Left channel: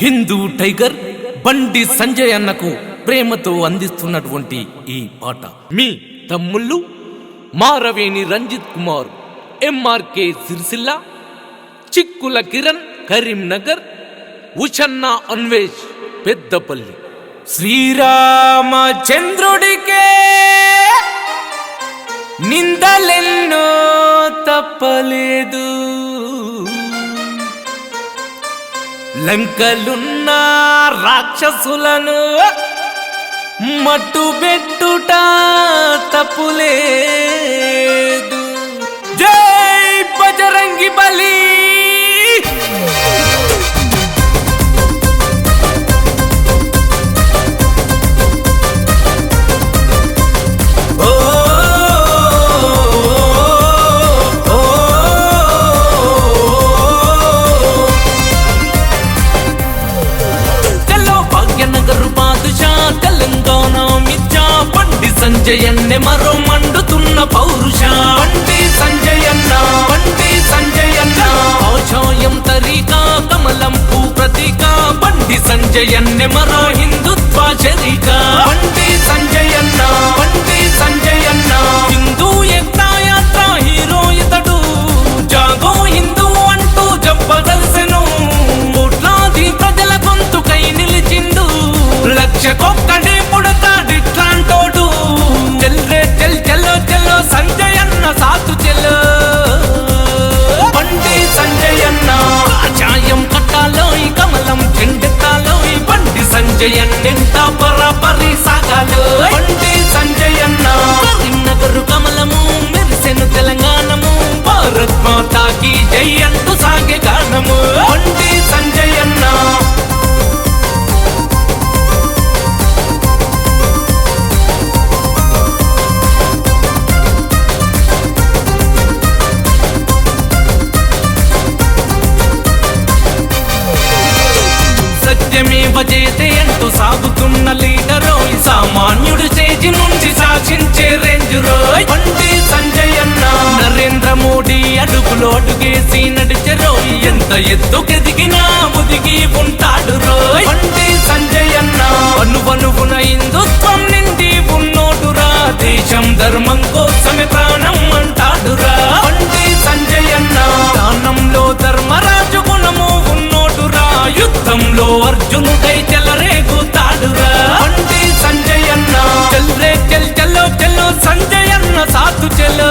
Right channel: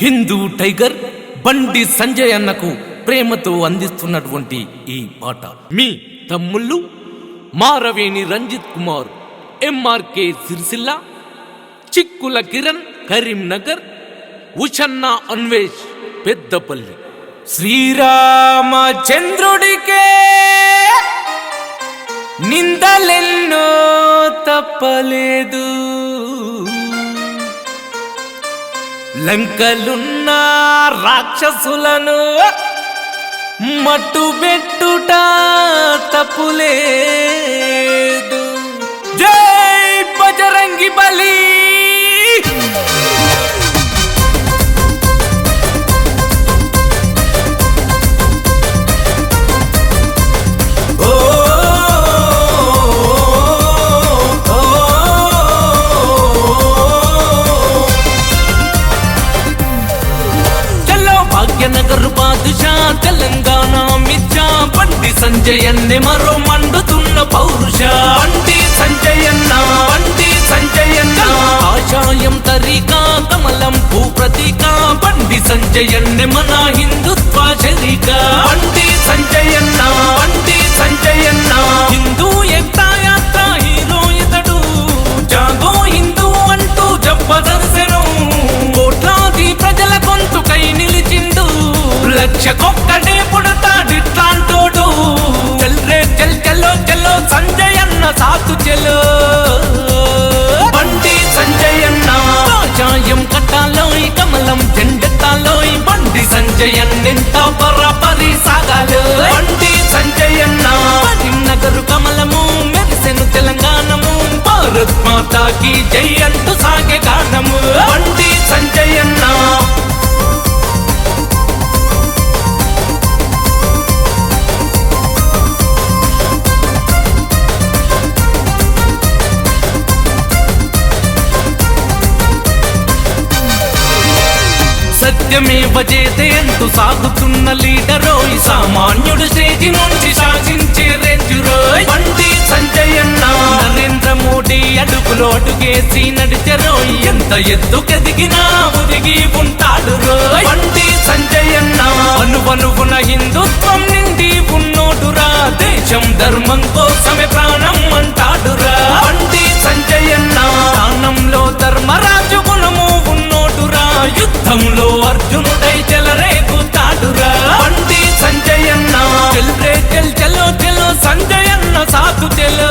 Hindu tiger Bandi Sanjay అన్నకు ప్రేమతో అందిస్తున్నటువంటి ఈ పాట మీ తమ్ముళ్ళు మారవేణి రంజిత్ కుమార్, ఎంఆర్కే సిరిసిల్ల, చిక్కుల కిరణ్ కరీంనగర్, ఉషన్న అన్వేష్ పెద్దపల్లి. శ్రీరామచంద్రుడికే నిందలెన్నో తప్పలేదు, లంకలున్న రాక్షసులను మట్టుబెట్టుట తప్పులేదు. జై బజరంగి బలి. తెలంగాణ మిర్జా బండి సంజయన్నే మరో మండుతున్న పౌరుష. బండి సంజయన్న, బండి సంజయన్న, ఆశయం తరీకా కమలం భూ ప్రతీక. బండి సంజయన్నే మన హిందుత్వ శరీక. బండి సంజయన్న, బండి సంజయన్న, హిందూ ఏకతా యాత్ర హీరో ఇతడు. జాగో హిందూ అంటూ జబ్బదర్శను, కోట్లాది ప్రజల గొంతుకై నిలిచిండు. లక్షకొక్కడే పుడతాడిట్లాంటోడు. చెల్రే చెల్ చెలో చెలో సంజయన్న సాతు చెలో. బండి సంజయన్న చాయం కట్టాలోయ్, కమలం జెండెత్తాలోయ్. బండి సంజయన్నింత పరపరి సాగాలో. బండి సంజయన్న కరీంనగర్ కమలము మెరిసెను తెలంగాణము. భారత్ మాతాకి జై అంటూ సాగే గానము. బండి సంజయన్న సత్యమేవ జయతే అంటూ సాగుతున్న లీడరోయ్. సామాన్యుడు స్టేజి నుంచి శాసించే రేంజ్ రోయ్. బండి సంజయన్న నరేంద్ర మోడీ అడుగులో అడుగేసి నడిచెరోయ్. ఎంత ఎత్తుకెదిగినా ఒదిగి ఉంటాడు రోయ్. బండి సంజయన్న అనువనువున హిందుత్వం నిండి ఉన్నోడురా. దేశం ధర్మం కోసమే ప్రాణం అంటాడురా. బండి సంజయన్న దానంలో ధర్మరాజు గుణము ఉన్నోడురా. యుద్ధంలో అర్జునుడై చెలరేగుతాడురా. బండి సంజయన్న చెల్రే చెల్ చెలో చెలో సంజయన్న సాధు చెలో.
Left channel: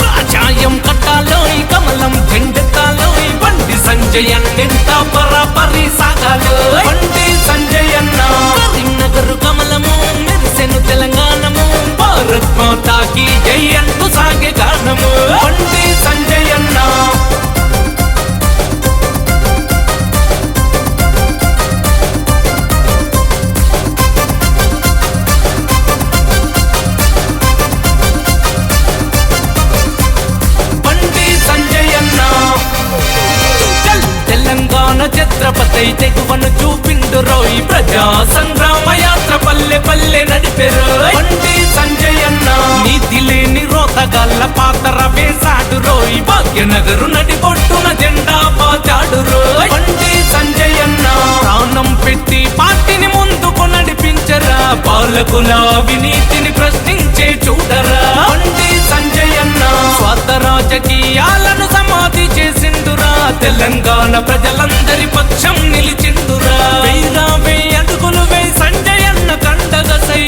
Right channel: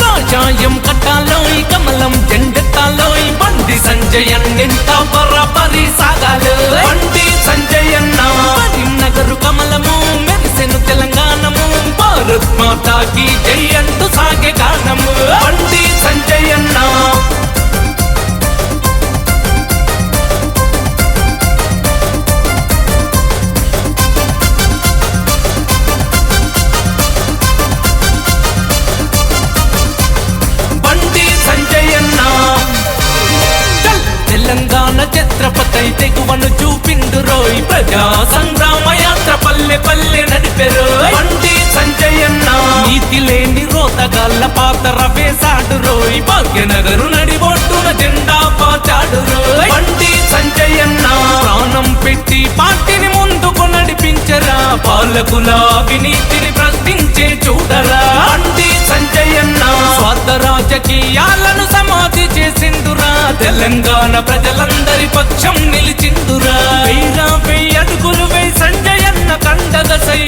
కాషాయం కట్టాలోయ్, కమలం జెండెత్తాలోయ్. బండి సంజయన్నింత పరపరి సాగాలో. బండి సంజయన్న కరీంనగర్ కమలము మెరిసెను తెలంగాణము. భారత్ మాతాకి జై అంటూ సాగే గానము. బండి సంజయన్న ఛత్రపతి తెగువను చూపిండు రోయ్. ప్రజా సంగ్రామ యాత్ర పల్లె పల్లె నడిపెరోయ్. బండి సంజయన్న నీతి లేని రోతగాళ్ళ పాత్ర వేశాడు రోయ్. భాగ్యనగరు నడిబొట్టున జెండా పాతాడు రోయ్. బండి సంజయన్న ప్రాణం పెట్టి పార్టీని ముందుకు నడిపించరా. పాలకుల అవినీతిని ప్రశ్నించే చూడరా. బండి సంజయన్న స్వార్థ రాజకీయాలను సమాధి చేసిందురా. తెలంగాణ ప్రజలందరి పక్షం నిలిచిందురా. వెయ్యి అడుగులు వేయి సంజయన్న కండగసై.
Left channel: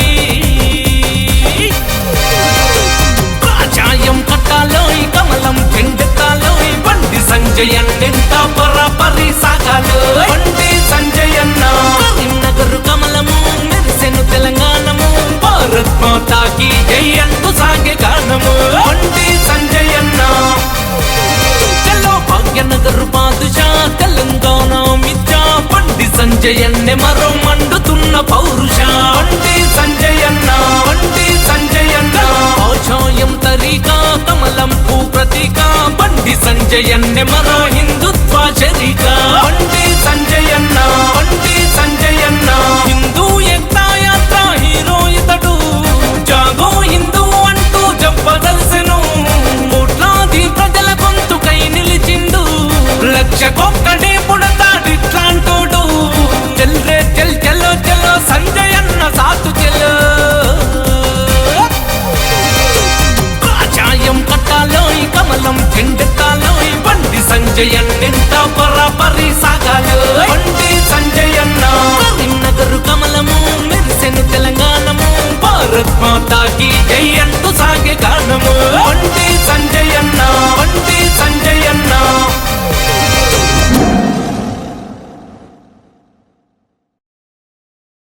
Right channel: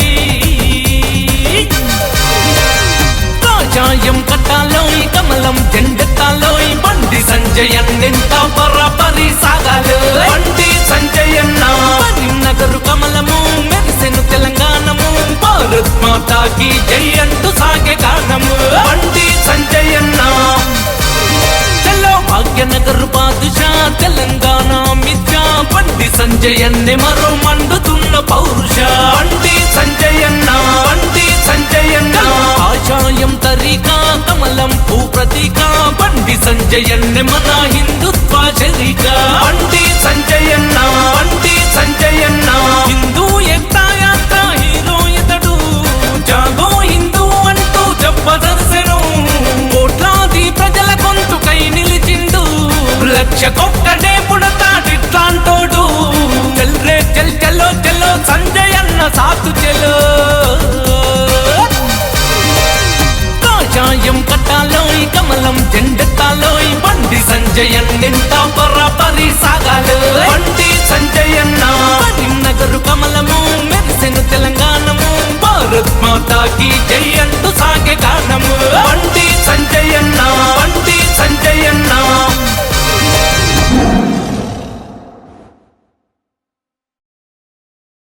కాషాయం కట్టాలోయ్, కమలం జెండెత్తాలోయ్. బండి సంజయన్నింత పరపరి సాగాలో. బండి సంజయన్న కరీంనగర్ కమలము మెరిసెను తెలంగాణము. భారత్ మాతాకి జై అంటూ సాగే గానము. బండి సంజయన్న భాగ్యనగర్ బాదుషా తెలంగాణ మిర్జా. బండి సంజయన్నే మరో మండుతున్న పౌరుష. బండి సంజయన్న, బండి సంజయన్న, ఆశయం తరీకా కమలం భూ ప్రతీక. బండి సంజయన్నే మన హిందుత్వ శరీక. బండి సంజయన్న, బండి సంజయన్న, హిందూ ఏకతా యాత్ర హీరో ఇతడు. జాగో హిందూ అంటూ జబ్బదర్శను, కోట్లాది ప్రజల గొంతుకై నిలిచిండు. లక్ష అన్నింటా బరాబరి సాగాడు బండి సంజయ్ అన్న కరీంనగర్ కమలము మెరిసెను తెలంగాణము భారత్ మాతాకి జై అంటూ సాగే